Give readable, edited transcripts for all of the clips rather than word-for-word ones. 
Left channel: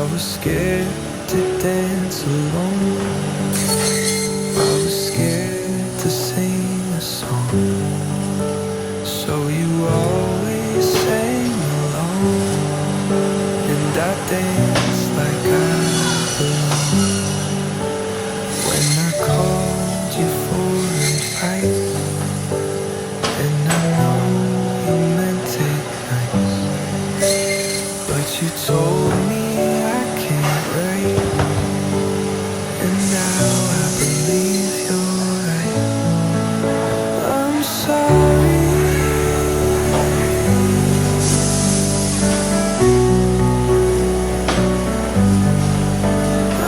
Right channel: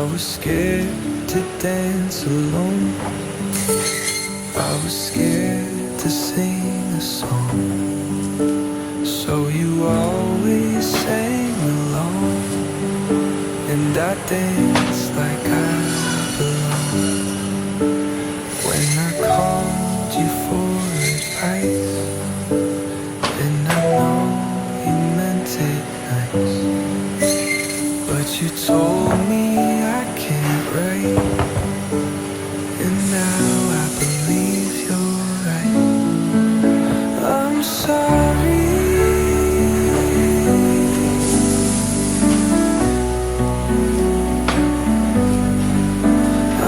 I was scared to dance alone. I was scared to sing a song. So you always sang along, and I danced like I belong. When I called you for advice, and I know you meant it nice, but you told me I can't write, and now I believe you're right. I'm sorry.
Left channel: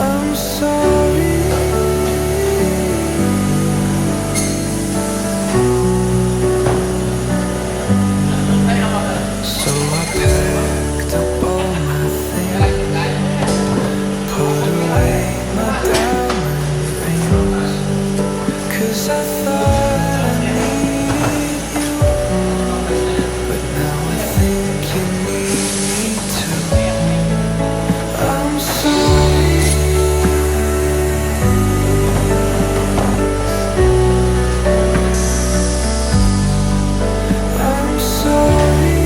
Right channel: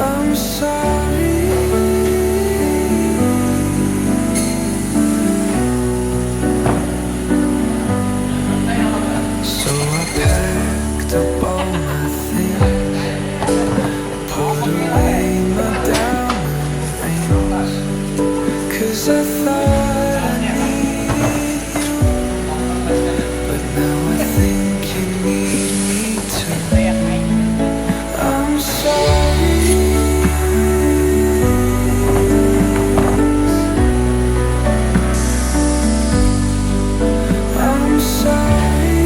I'm sorry. So I packed up all my things, put away my diamond rings, 'cause I thought I needed you, but now I think you need me too. I'm sorry. I'm sorry.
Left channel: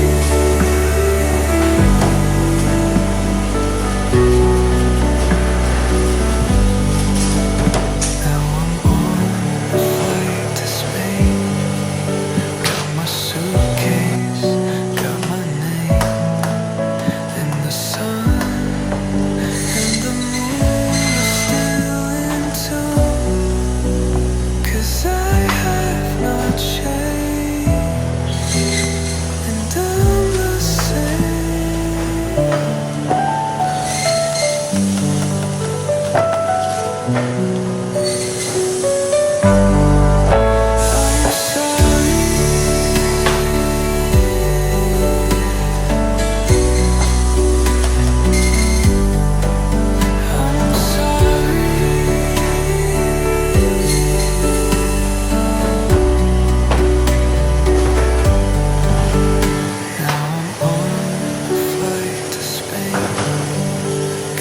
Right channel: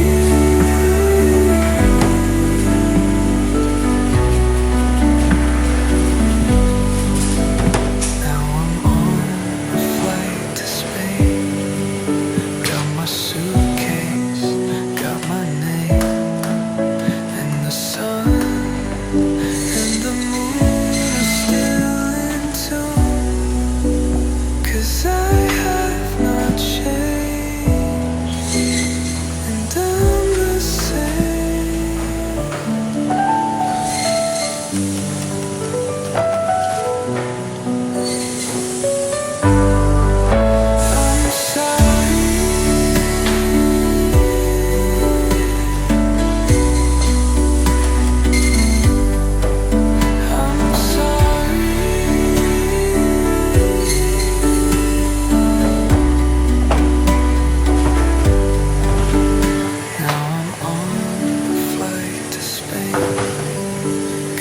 Now I'm on a flight to Spain. Got my suitcase, got my name, and the sun and the moon are still in tune, 'cause I have not changed, and I'm the same. I'm sorry. I'm sorry. Now I'm on a flight to Spain.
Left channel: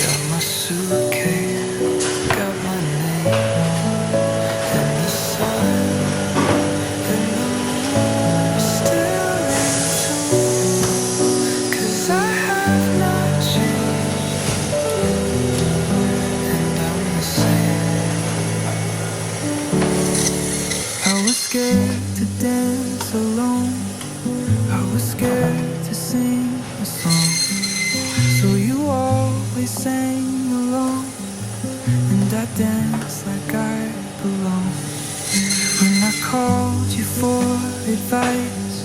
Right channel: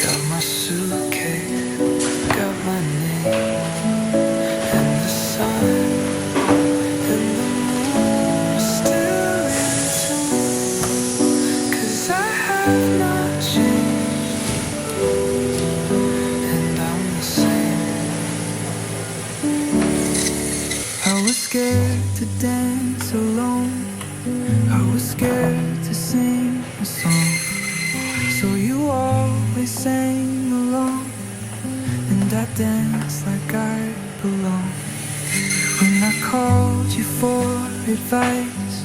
Got my suitcase, got my name, and the sun and the moon are still in tune, 'cause I have not changed, and I'm the same. I was scared to dance alone. I was scared to sing a song. So you always sang along, and I danced like I belong. When I called you for advice,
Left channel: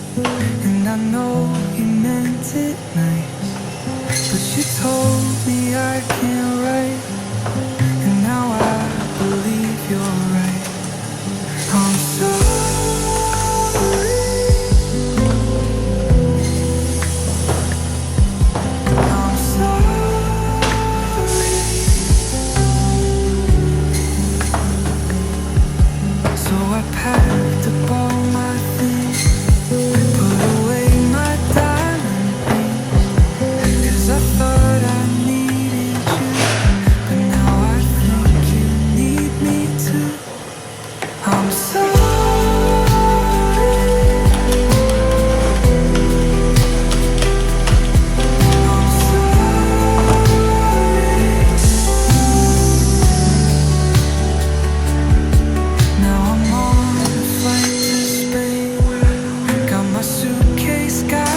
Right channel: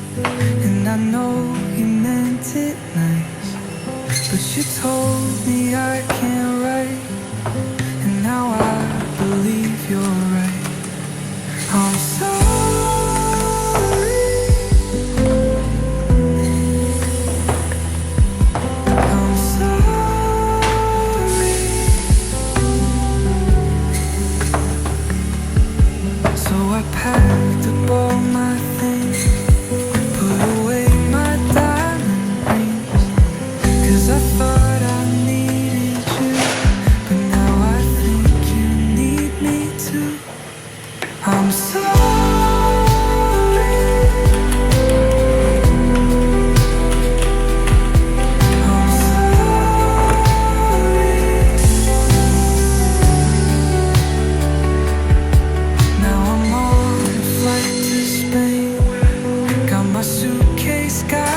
and I know you meant it nice, but you told me I can't write, and now I believe you're right. I'm sorry. I'm sorry. So I packed up all my things, put away my diamond rings, 'cause I thought I needed you, but now I think you need me too. I'm sorry. I'm sorry. Now I'm on a flight to Spain. Got my suitcase, got